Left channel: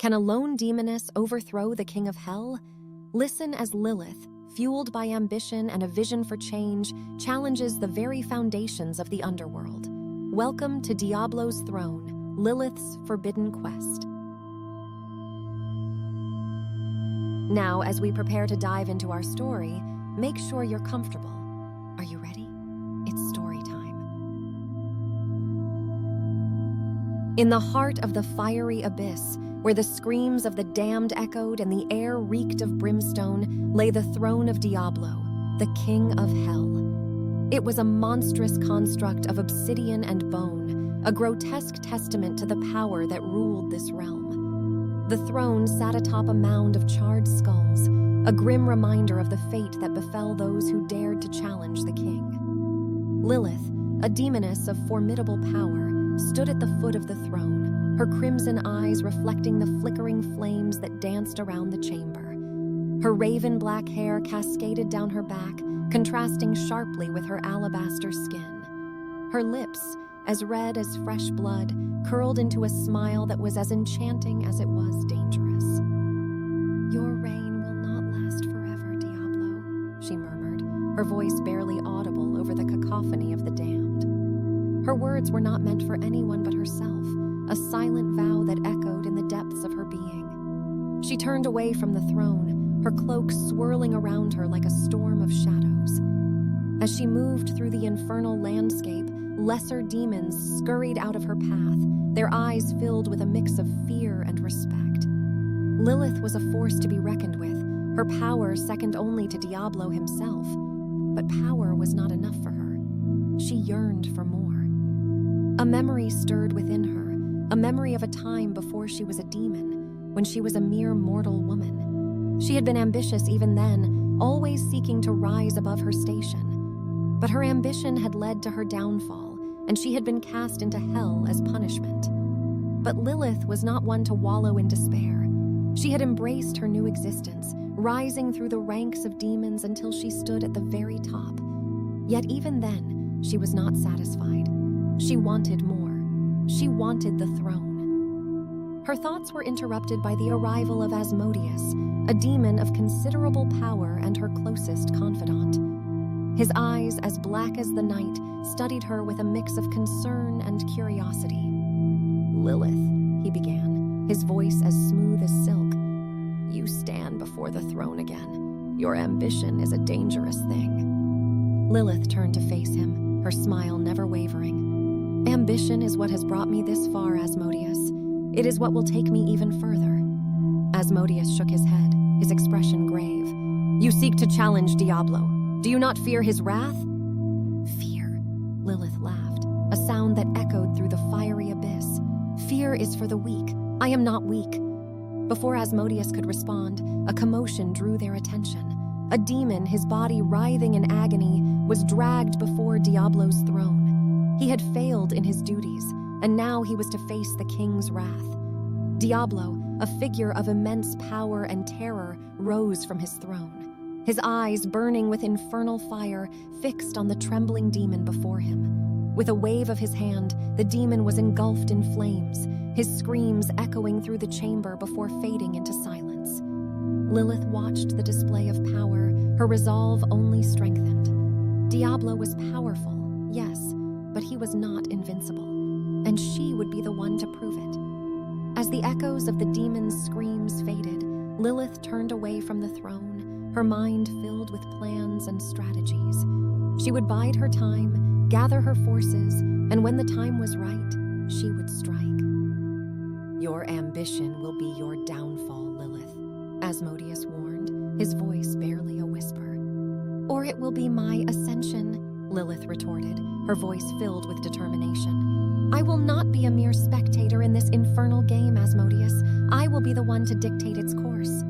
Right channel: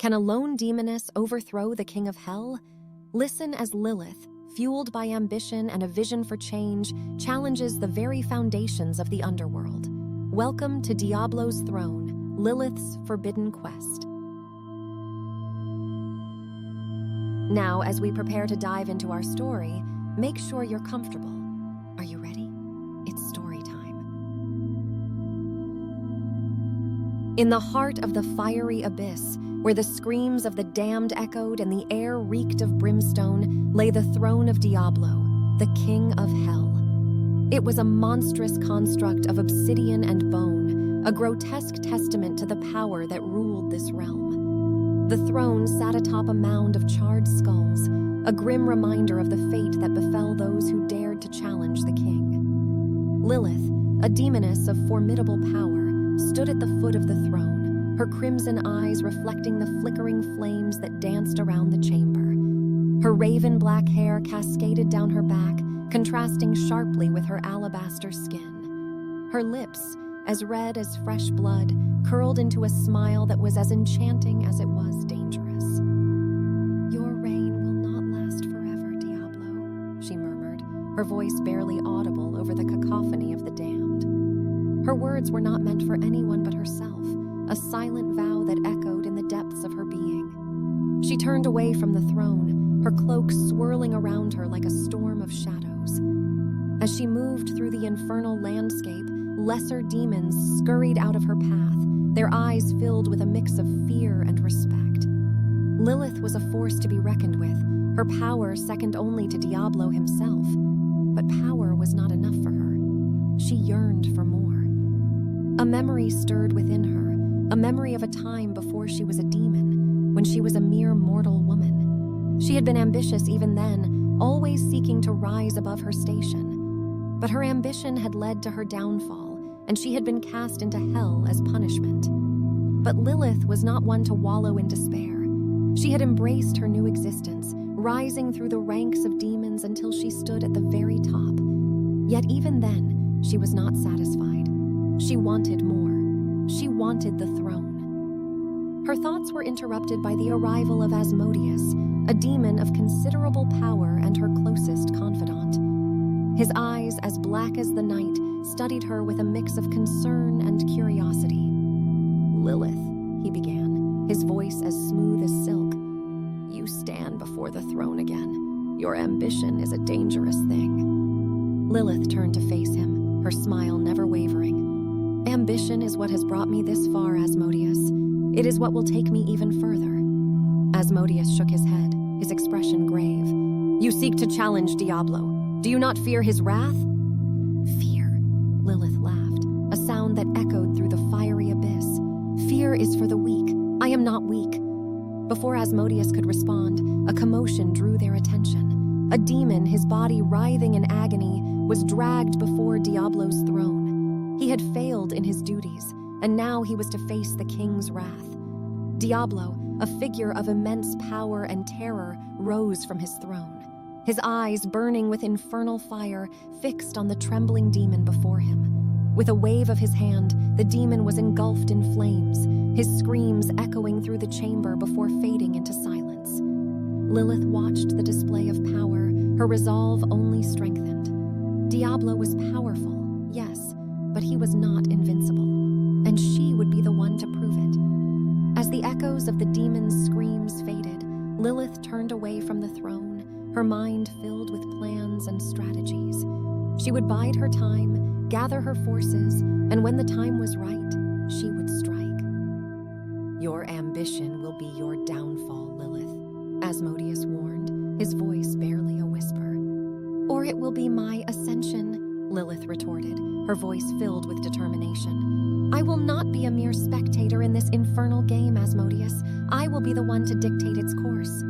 Can a lone demoness overthrow the king of hell? Listen as Lilith, fueled by ambition and a vision for change, challenges the very foundations of the underworld. Welcome to Diablo's throne, Lilith's forbidden quest. Now, as we prepare to dive into our story, make sure you're comfortable. Are you ready? It's story time. In the heart of the fiery abyss, where the screams of the damned echoed and the air reeked of brimstone, lay the throne of Diablo, the king of hell. It was a monstrous construct of obsidian and bone, a grotesque testament to the power that ruled this realm. The throne sat atop a mound of charred skulls, a grim reminder of the fate that befell those who dared to challenge the king. Lilith, a demoness of formidable power, stood at the foot of the throne, her crimson eyes reflecting the flickering flames that danced around the chamber. Her raven black hair cascaded down her back, contrasting sharply with her alabaster skin. Her lips, as red as fresh blood, curled into a smile that was as enchanting as it was dangerous. "Your reign will not last forever, Diablo," she murmured, her voice barely audible over the cacophony of the damned. Her words were not meant for anyone but herself, a silent vow that echoed in the depths of her being. She turned away from the throne, her cloak swirling around her like a storm of shadows. As she moved through the infernal landscape, lesser demons scurried out of her path, their eyes filled with a mix of fear and respect. Lilith was a force to be reckoned with, her power second only to Diablo himself. But power was not enough for her. She yearned for more. A memory stirred within her, a memory of a time before she was a demon, when she was a mere mortal woman. She had been ambitious even then, always seeking to rise above her station. But her ambition had led to her downfall, and she had been cast into hell as punishment. But Lilith was not one to wallow in despair. She had embraced her new existence, rising through the ranks of demons until she stood at the very top. Yet even then, she was not satisfied. She wanted more. She wanted the throne. Her thoughts were interrupted by the arrival of Asmodeus, a demon of considerable power and her closest confidant. His eyes, as black as the night, studied her with a mix of concern and curiosity. "Lilith," he began, his voice as smooth as silk, "you stand before the throne again. Your ambition is a dangerous thing." Lilith turned to face him, her smile never wavering. "Ambition is what has brought me this far, Asmodeus. It is what will take me even further." Asmodeus shook his head, his expression grave. "You seek to challenge Diablo. Do you not fear his wrath?" "Fear," Lilith laughed, a sound that echoed through the fiery abyss. "Fear is for the weak. I am not weak." Before Asmodeus could respond, a commotion drew their attention. A demon, his body writhing in agony, was dragged before Diablo's throne. He had failed in his duties, and now he was to face the king's wrath. Diablo, a figure of immense power and terror, rose from his throne. His eyes, burning with infernal fire, fixed on the trembling demon before him. With a wave of his hand, the demon was engulfed in flames, his screams echoing through the chamber before fading into silence. Lilith watched the display of power, her resolve only strengthened. Diablo was powerful, yes, but he was not invincible, and she would be the one to prove it. As the echoes of the demon's screams faded, Lilith turned away from the throne, her mind filled with plans and strategies. She would bide her time, gather her forces, and when the time was right, she would strike. "Your ambition will be your downfall, Lilith," Asmodeus warned, his voice barely a whisper. "Or it will be my ascension," Lilith retorted, her voice filled with determination. "I will not be a mere spectator in this infernal game, Asmodeus. I will be the one to dictate its course."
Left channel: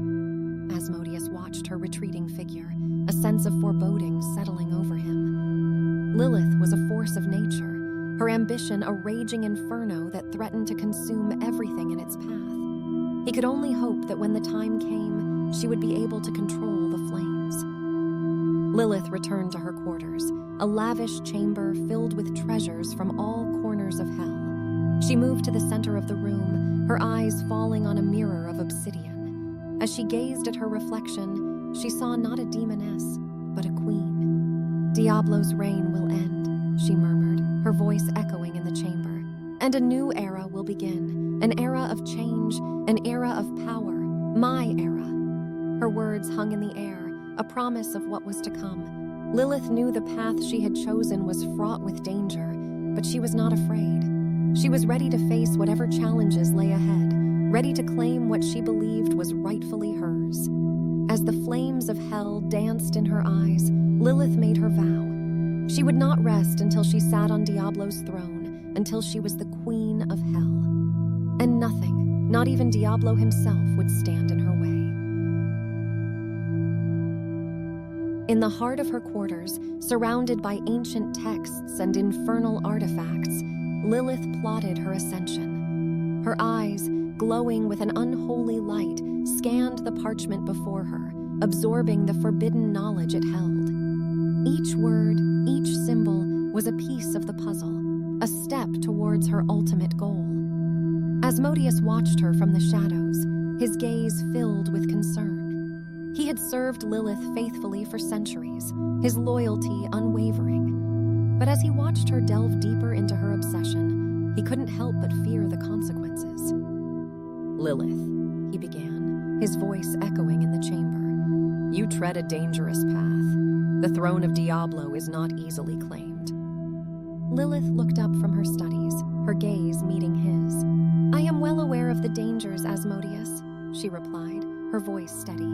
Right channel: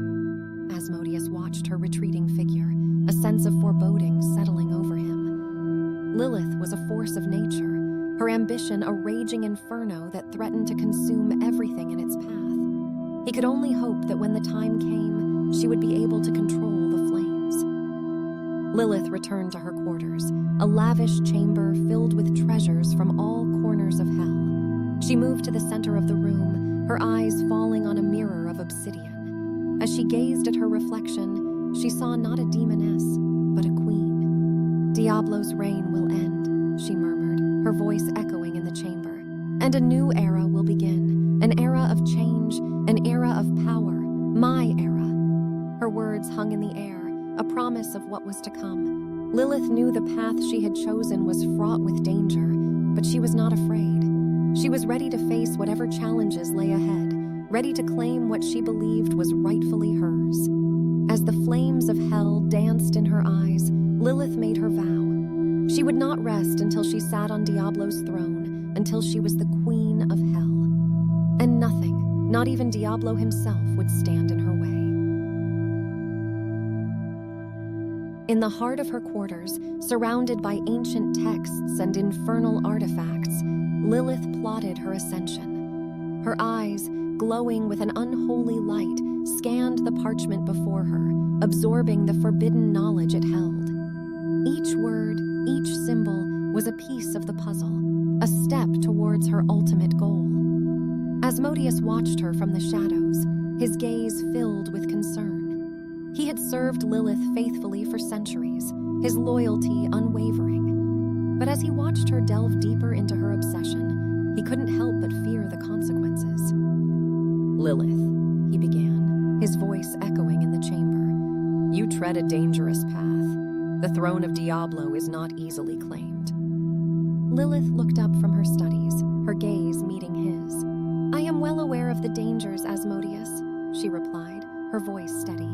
Asmodeus watched her retreating figure, a sense of foreboding settling over him. Lilith was a force of nature, her ambition a raging inferno that threatened to consume everything in its path. He could only hope that when the time came, she would be able to control the flames. Lilith returned to her quarters, a lavish chamber filled with treasures from all corners of hell. She moved to the center of the room, her eyes falling on a mirror of obsidian. As she gazed at her reflection, she saw not a demoness, but a queen. "Diablo's reign will end," she murmured, her voice echoing in the chamber. "And a new era will begin, an era of change, an era of power, my era." Her words hung in the air, a promise of what was to come. Lilith knew the path she had chosen was fraught with danger, but she was not afraid. She was ready to face whatever challenges lay ahead, ready to claim what she believed was rightfully hers. As the flames of hell danced in her eyes, Lilith made her vow. She would not rest until she sat on Diablo's throne, until she was the queen of hell. And nothing, not even Diablo himself, would stand in her way. In the heart of her quarters, surrounded by ancient texts and infernal artifacts, Lilith plotted her ascension. Her eyes, glowing with an unholy light, scanned the parchment before her, absorbing the forbidden knowledge it held. Each word, each symbol, was a piece of the puzzle, a step towards her ultimate goal. Asmodeus watched her from the shadows, his gaze filled with concern. He had served Lilith faithfully for centuries, his loyalty unwavering. But as he watched her delve deeper into her obsession, he couldn't help but fear the consequences. "Lilith," he began, his voice echoing in the chamber, "you tread a dangerous path. The throne of Diablo is not easily claimed." Lilith looked up from her studies, her gaze meeting his. "I am well aware of the dangers, Asmodeus," she replied, her voice steady.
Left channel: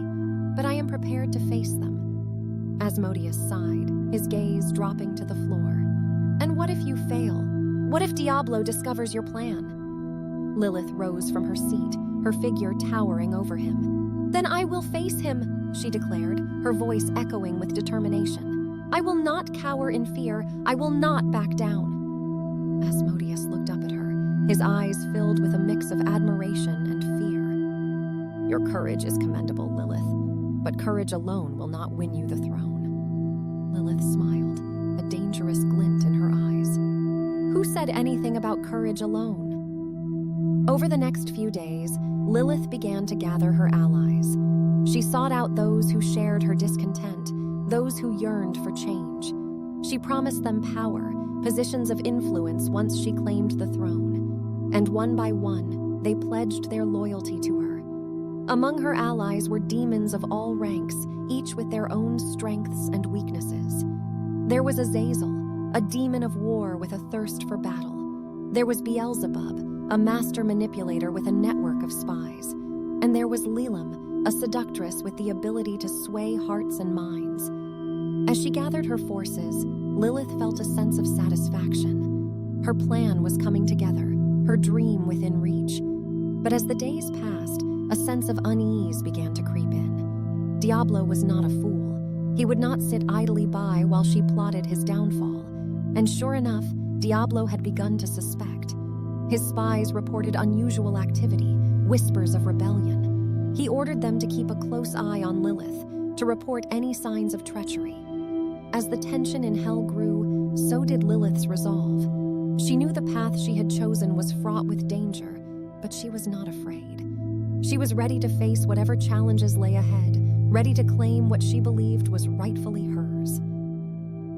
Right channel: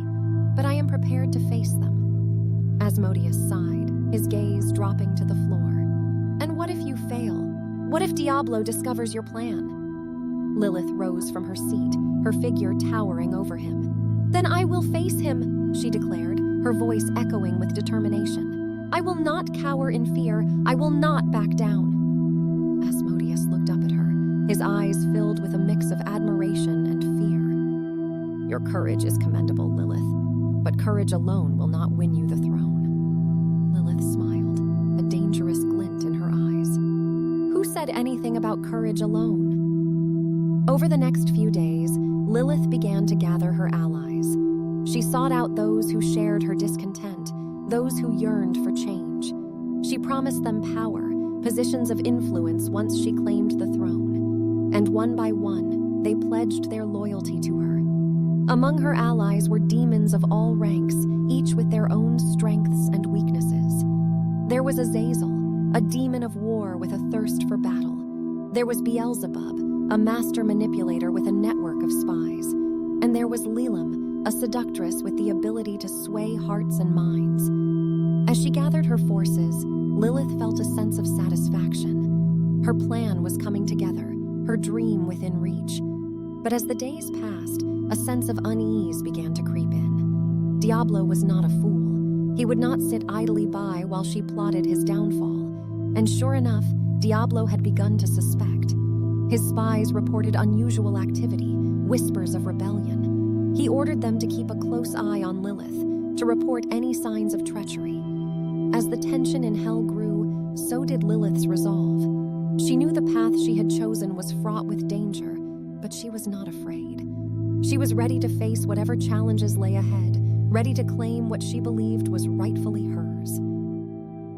"But I am prepared to face them." Asmodeus sighed, his gaze dropping to the floor. "And what if you fail? What if Diablo discovers your plan?" Lilith rose from her seat, her figure towering over him. "Then I will face him," she declared, her voice echoing with determination. "I will not cower in fear. I will not back down." Asmodeus looked up at her, his eyes filled with a mix of admiration and fear. "Your courage is commendable, Lilith. But courage alone will not win you the throne." Lilith smiled, a dangerous glint in her eyes. Who said anything about courage alone? Over the next few days, Lilith began to gather her allies. She sought out those who shared her discontent, those who yearned for change. She promised them power, positions of influence once she claimed the throne. And one by one, they pledged their loyalty to her. Among her allies were demons of all ranks, each with their own strengths and weaknesses. There was Azazel, a demon of war with a thirst for battle. There was Beelzebub, a master manipulator with a network of spies. And there was Lilith, a seductress with the ability to sway hearts and minds. As she gathered her forces, Lilith felt a sense of satisfaction. Her plan was coming together, her dream within reach. But as the days passed, a sense of unease began to creep in. Diablo was not a fool. He would not sit idly by while she plotted his downfall. And sure enough, Diablo had begun to suspect. His spies reported unusual activity, whispers of rebellion. He ordered them to keep a close eye on Lilith, to report any signs of treachery. As the tension in hell grew, so did Lilith's resolve. She knew the path she had chosen was fraught with danger, but she was not afraid. She was ready to face whatever challenges lay ahead, ready to claim what she believed was rightfully hers.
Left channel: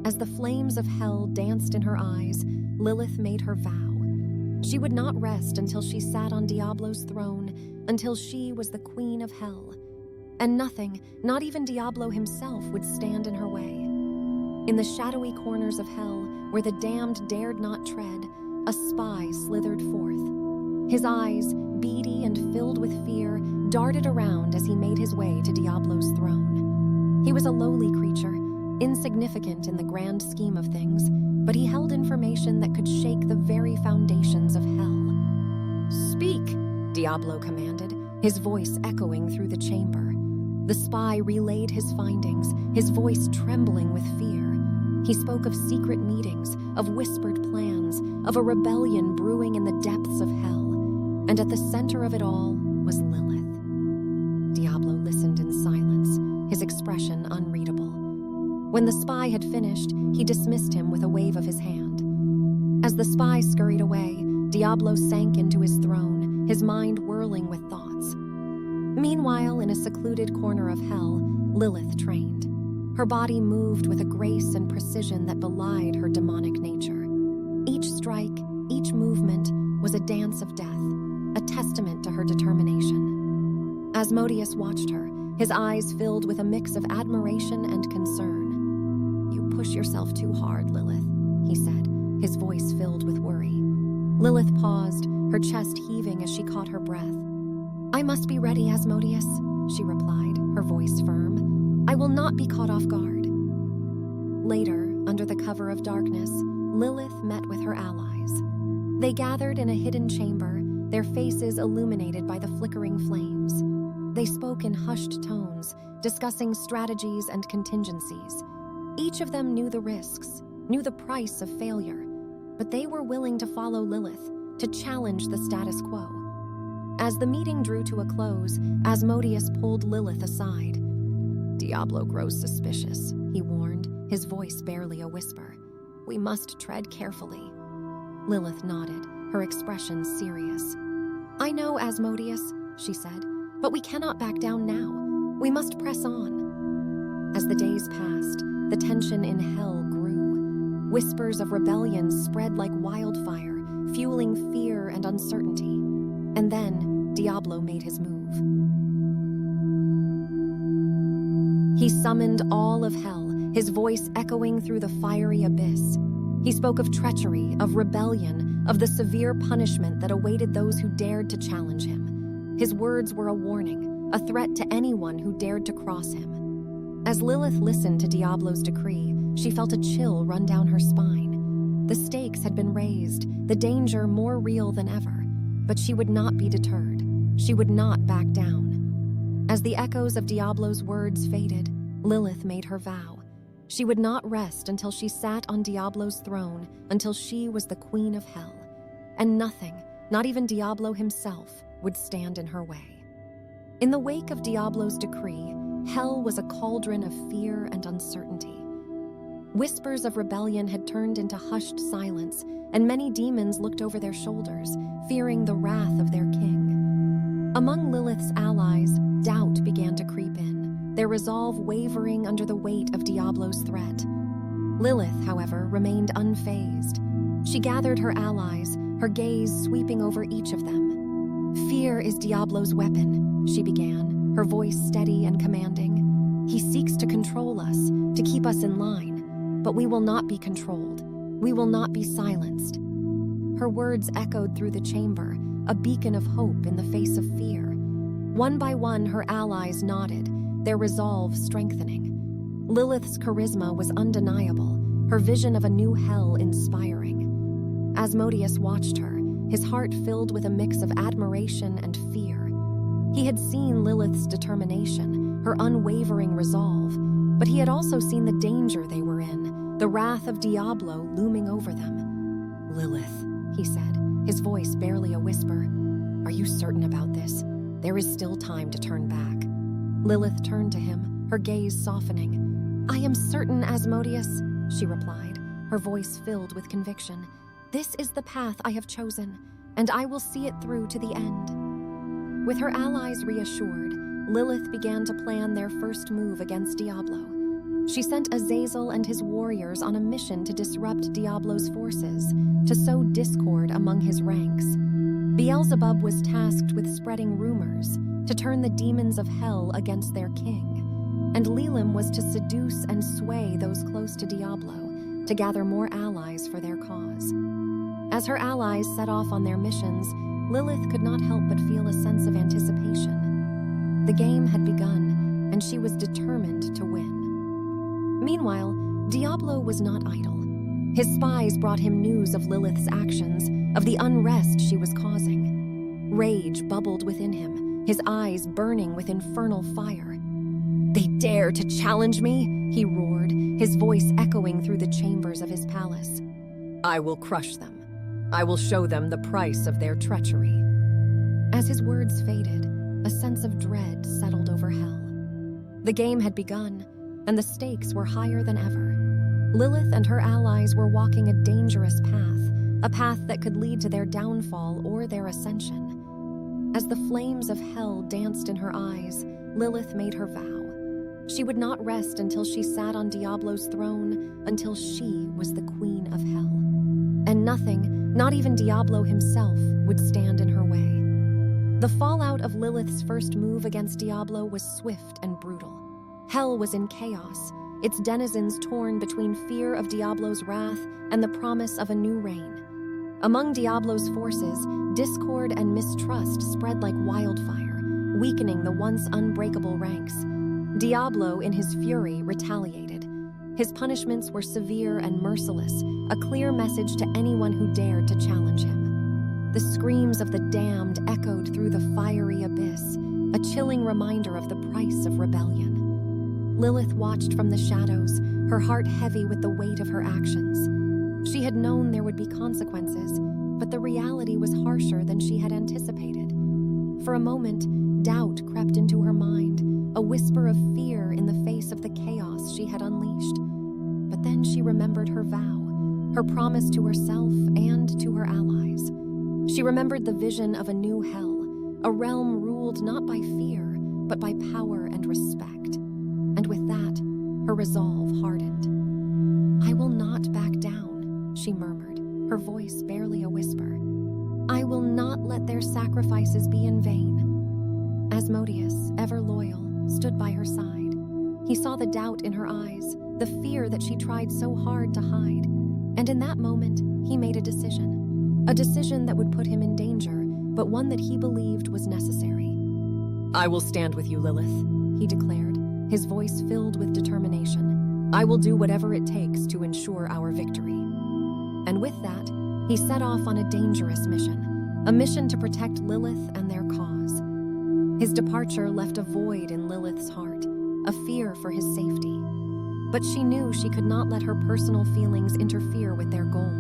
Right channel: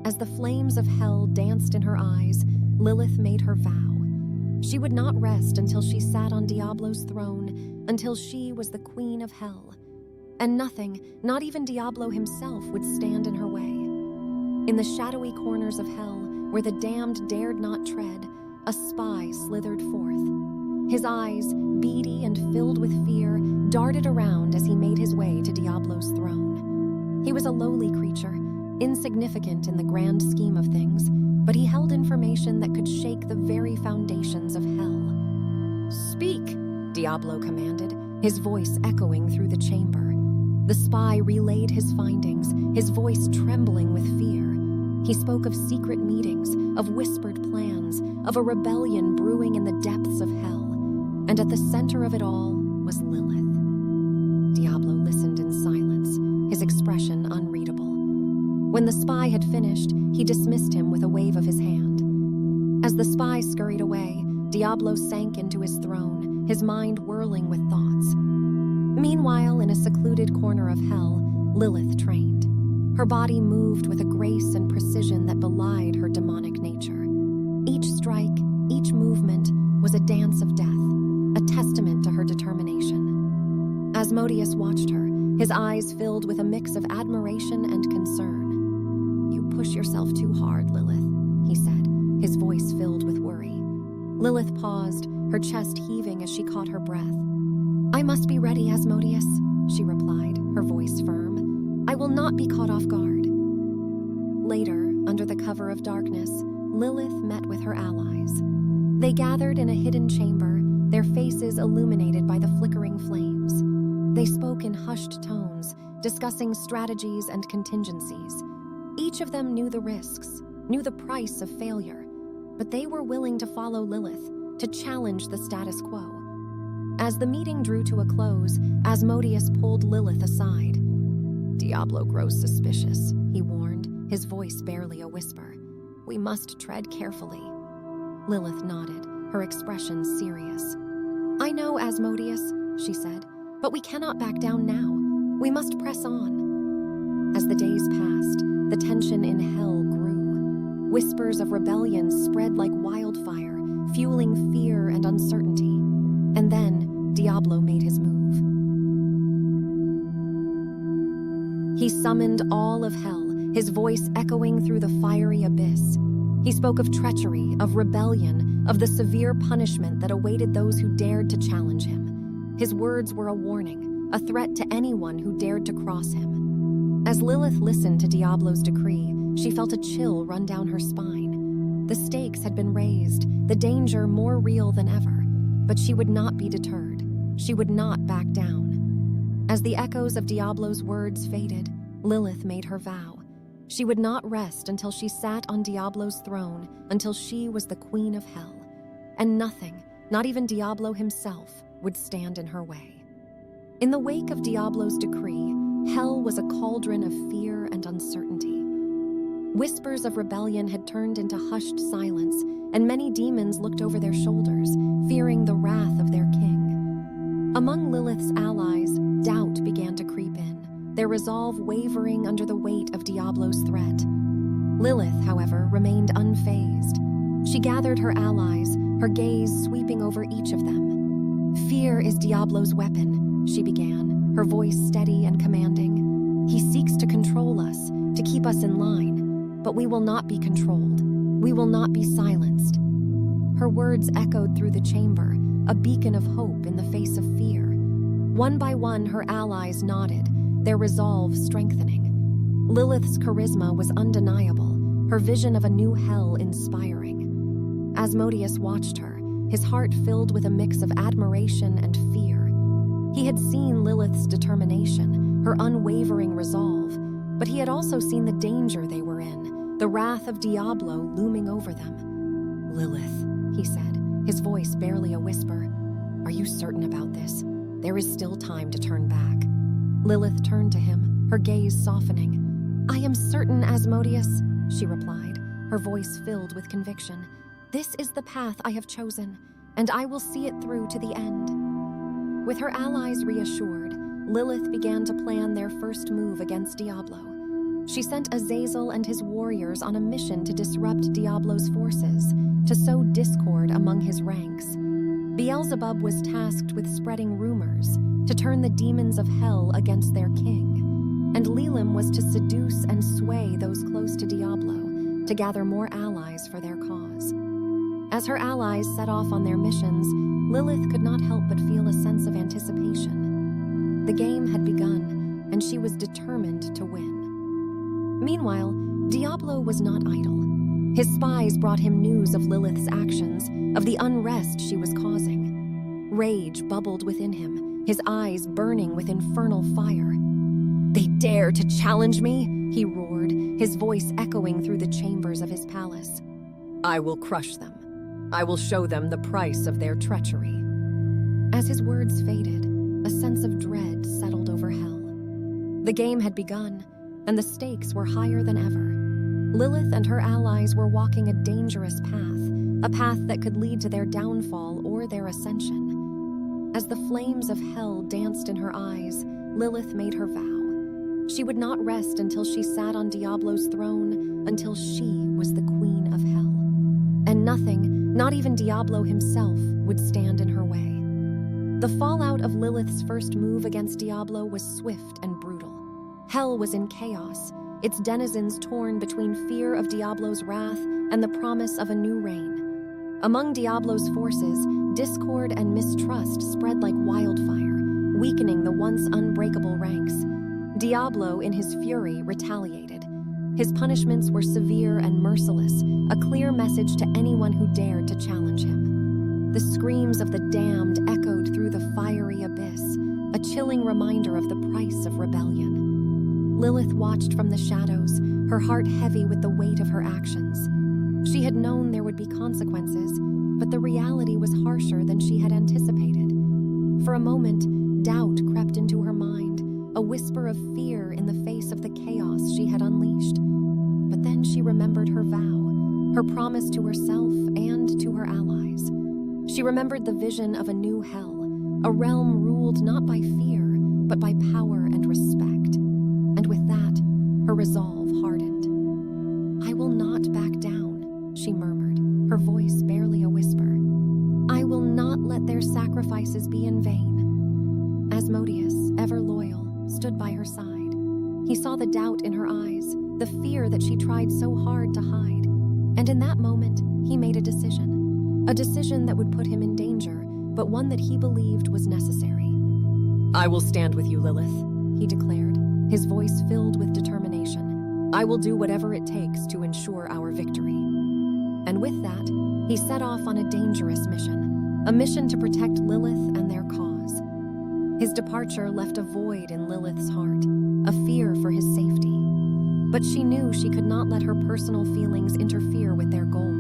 As the flames of hell danced in her eyes, Lilith made her vow. She would not rest until she sat on Diablo's throne, until she was the queen of hell. And nothing, not even Diablo himself, would stand in her way. In the shadowy corners of hell, where the damned dared not tread, a spy slithered forth. His eyes, beady and filled with fear, darted around as he made his way to Diablo's throne. He was a lowly creature, insignificant in the grand scheme of things, but he held information that could shake the very foundations of hell. "Speak," Diablo commanded, his voice echoing through the chamber. The spy relayed his findings, his voice trembling with fear. He spoke of secret meetings, of whispered plans, of a rebellion brewing in the depths of hell. And at the center of it all was Lilith. Diablo listened in silence, his expression unreadable. When the spy had finished, he dismissed him with a wave of his hand. As the spy scurried away, Diablo sank into his throne, his mind whirling with thoughts. Meanwhile, in a secluded corner of hell, Lilith trained. Her body moved with a grace and precision that belied her demonic nature. Each strike, each movement, was a dance of death, a testament to her determination. Asmodeus watched her, his eyes filled with a mix of admiration and concern. "You push yourself too hard, Lilith," he said, his voice filled with worry. Lilith paused, her chest heaving as she caught her breath. "I must be ready, Asmodeus," she replied, her voice firm. "I will not be caught off guard." Later, under the cover of darkness, Lilith met with her allies. They gathered in a hidden chamber, their faces illuminated by the flickering flames. They spoke in hushed tones, discussing strategies and contingencies. Each of them knew the risks, knew the price of failure, but they were willing to follow Lilith, to challenge the status quo. As the meeting drew to a close, Asmodeus pulled Lilith aside. "Diablo grows suspicious," he warned, his voice barely a whisper. "We must tread carefully." Lilith nodded, her expression serious. "I know, Asmodeus," she said, "but we cannot back down now. We must press on." As the days passed, the tension in hell grew. Whispers of rebellion spread like wildfire, fueling fear and uncertainty. And then, Diablo made his move. He summoned all of hell, his voice echoing through the fiery abyss. He spoke of treachery, of rebellion, of the severe punishment that awaited those who dared to challenge him. His words were a warning, a threat to anyone who dared to cross him. As Lilith listened to Diablo's decree, she felt a chill run down her spine. The stakes had been raised, the danger more real than ever. But she would not be deterred. She would not back down. As the echoes of Diablo's words faded, Lilith made her vow. She would not rest until she sat on Diablo's throne, until she was the queen of hell. And nothing, not even Diablo himself, would stand in her way. In the wake of Diablo's decree, hell was a cauldron of fear and uncertainty. Whispers of rebellion had turned into hushed silence, and many demons looked over their shoulders, fearing the wrath of their king. Among Lilith's allies, doubt began to creep in, their resolve wavering under the weight of Diablo's threat. Lilith, however, remained unfazed. She gathered her allies, her gaze sweeping over each of them. "Fear is Diablo's weapon," she began, her voice steady and commanding. "He seeks to control us, to keep us in line, but we will not be controlled. We will not be silenced." Her words echoed through the chamber, a beacon of hope in the face of fear. One by one, her allies nodded, their resolve strengthening. Lilith's charisma was undeniable, her vision of a new hell inspiring. Asmodeus watched her, his heart filled with a mix of admiration and fear. He had seen Lilith's determination, her unwavering resolve, but he had also seen the danger they were in, the wrath of Diablo looming over them. "Lilith," he said, his voice barely a whisper, "are you certain about this? There is still time to turn back." Lilith turned to him, her gaze softening. "I am certain, Asmodeus," she replied, her voice filled with conviction. "This is the path I have chosen, and I will see it through to the end." With her allies reassured, Lilith began to plan their first move against Diablo. She sent Azazel and his warriors on a mission to disrupt Diablo's forces, to sow discord among his ranks. Beelzebub was tasked with spreading rumors, to turn the demons of hell against their king, and Lilith was to seduce and sway those close to Diablo, to gather more allies for their cause. As her allies set off on their missions, Lilith could not help but feel a sense of anticipation. The game had begun, and she was determined to win. Meanwhile, Diablo was not idle. His spies brought him news of Lilith's actions, of the unrest she was causing. Rage bubbled within him, his eyes burning with infernal fire. "They dare to challenge me?" he roared, his voice echoing through the chambers of his palace. "I will crush them. I will show them the price of their treachery." As his words faded, a sense of dread settled over hell. The game had begun, and the stakes were higher than ever. Lilith and her allies were walking a dangerous path, a path that could lead to their downfall or their ascension. As the flames of hell danced in her eyes, Lilith made her vow. She would not rest until she sat on Diablo's throne, until she was the queen of hell. And nothing, not even Diablo himself, would stand in her way. The fallout of Lilith's first move against Diablo was swift and brutal. Hell was in chaos, its denizens torn between fear of Diablo's wrath and the promise of a new reign. Among Diablo's forces, discord and mistrust spread like wildfire, weakening the once unbreakable ranks. Diablo, in his fury, retaliated. His punishments were severe and merciless, a clear message to anyone who dared to challenge him. The screams of the damned echoed through the fiery abyss, a chilling reminder of the price of rebellion. Lilith watched from the shadows, her heart heavy with the weight of her actions. She had known there would be consequences, but the reality was harsher than she had anticipated. For a moment, doubt crept into her mind, a whisper of fear in the face of the chaos she had unleashed. But then she remembered her vow, her promise to herself and to her allies. She remembered the vision of a new hell, a realm ruled not by fear, but by power and respect. And with that, her resolve hardened. "I will not back down," she murmured, her voice barely a whisper. "I will not let their sacrifices be in vain." Asmodeus, ever loyal, stood by her side. He saw the doubt in her eyes, the fear that she tried so hard to hide. And in that moment, he made a decision that would put him in danger, but one that he believed was necessary. "I will stand with you, Lilith," he declared, his voice filled with determination. "I will do whatever it takes to ensure our victory." And with that, he set off on a dangerous mission, a mission to protect Lilith and their cause. His departure left a void in Lilith's heart, a fear for his safety. But she knew she could not let her personal feelings interfere with their goal.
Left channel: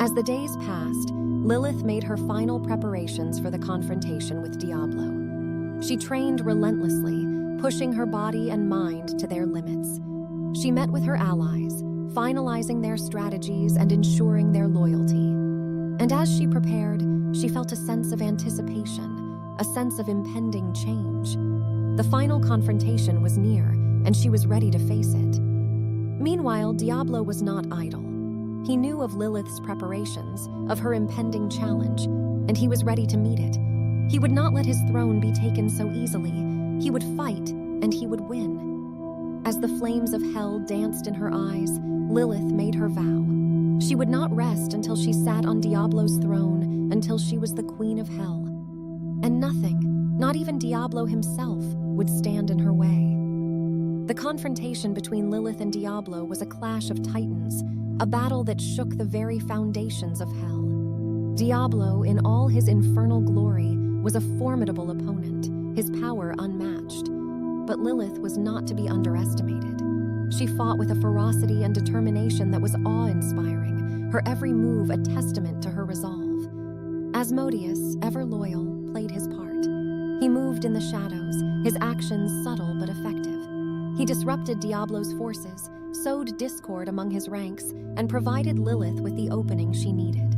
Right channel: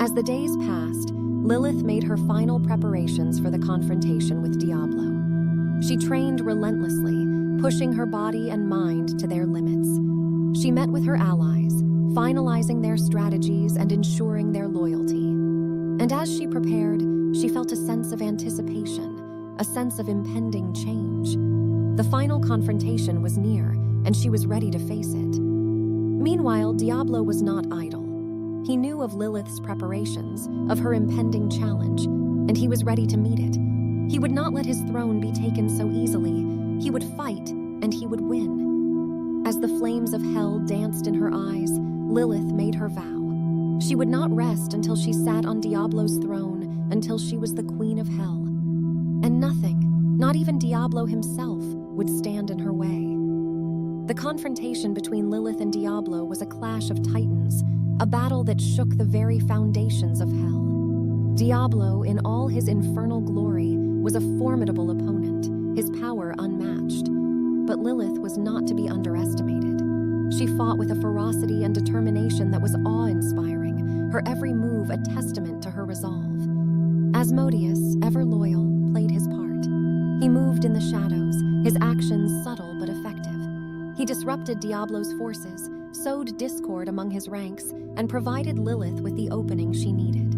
As the days passed, Lilith made her final preparations for the confrontation with Diablo. She trained relentlessly, pushing her body and mind to their limits. She met with her allies, finalizing their strategies and ensuring their loyalty. And as she prepared, she felt a sense of anticipation, a sense of impending change. The final confrontation was near, and she was ready to face it. Meanwhile, Diablo was not idle. He knew of Lilith's preparations, of her impending challenge, and he was ready to meet it. He would not let his throne be taken so easily. He would fight, and he would win. As the flames of hell danced in her eyes, Lilith made her vow. She would not rest until she sat on Diablo's throne, until she was the queen of hell. And nothing, not even Diablo himself, would stand in her way. The confrontation between Lilith and Diablo was a clash of titans, a battle that shook the very foundations of hell. Diablo, in all his infernal glory, was a formidable opponent, his power unmatched. But Lilith was not to be underestimated. She fought with a ferocity and determination that was awe-inspiring, her every move a testament to her resolve. Asmodeus, ever loyal, played his part. He moved in the shadows, his actions subtle but effective. He disrupted Diablo's forces, sowed discord among his ranks, and provided Lilith with the opening she needed.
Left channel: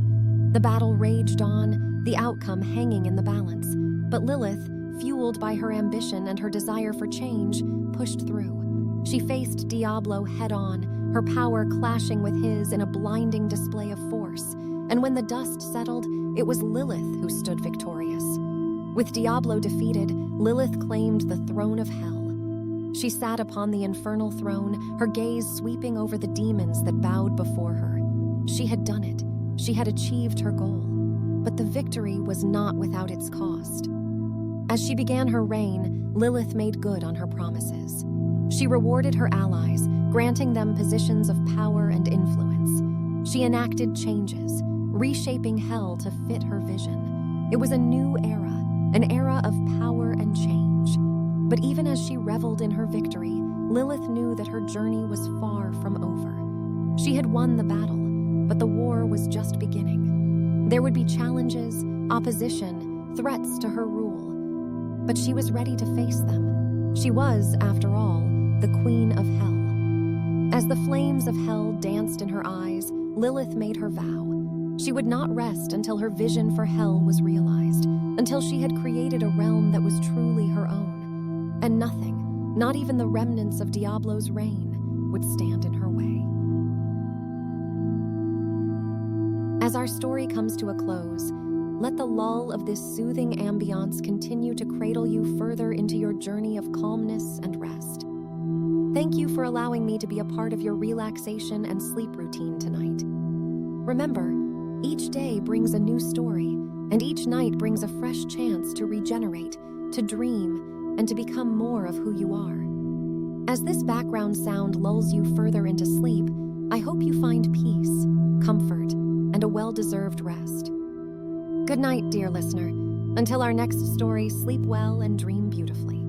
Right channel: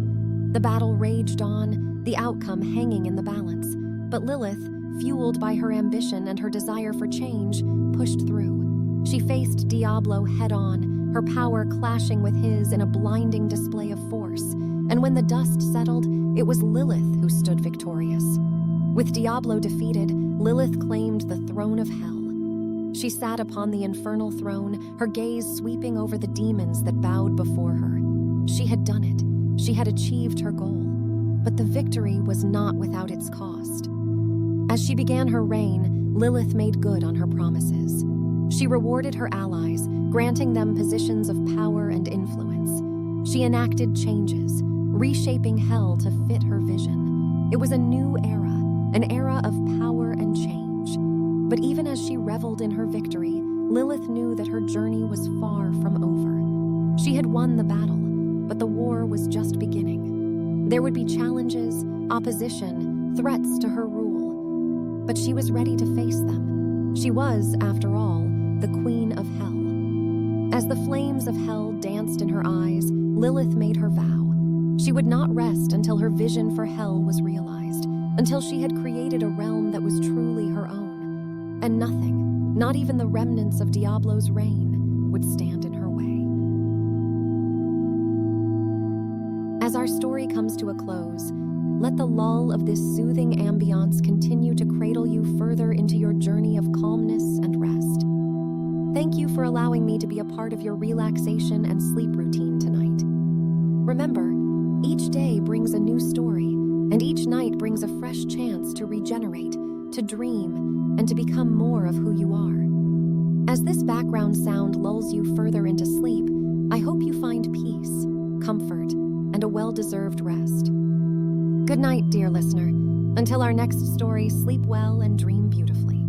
The battle raged on, the outcome hanging in the balance. But Lilith, fueled by her ambition and her desire for change, pushed through. She faced Diablo head-on, her power clashing with his in a blinding display of force. And when the dust settled, it was Lilith who stood victorious. With Diablo defeated, Lilith claimed the throne of hell. She sat upon the infernal throne, her gaze sweeping over the demons that bowed before her. She had done it. She had achieved her goal. But the victory was not without its cost. As she began her reign, Lilith made good on her promises. She rewarded her allies, granting them positions of power and influence. She enacted changes, reshaping hell to fit her vision. It was a new era, an era of power and change. But even as she reveled in her victory, Lilith knew that her journey was far from over. She had won the battle, but the war was just beginning. There would be challenges, opposition, threats to her rule. But she was ready to face them. She was, after all, the queen of hell. As the flames of hell danced in her eyes, Lilith made her vow. She would not rest until her vision for hell was realized, until she had created a realm that was truly her own. And nothing, not even the remnants of Diablo's reign, would stand in her way. As our story comes to a close, let the lull of this soothing ambiance continue to cradle you further into your journey of calmness and rest. Thank you for allowing me to be a part of your relaxation and sleep routine tonight. Remember, each day brings a new story, and each night brings a fresh chance to regenerate, to dream, and to become more of who you are. As this background sound lulls you further into sleep, I hope you find peace, comfort, and a well-deserved rest. Good night, dear listener. Until our next story, sleep well and dream beautifully.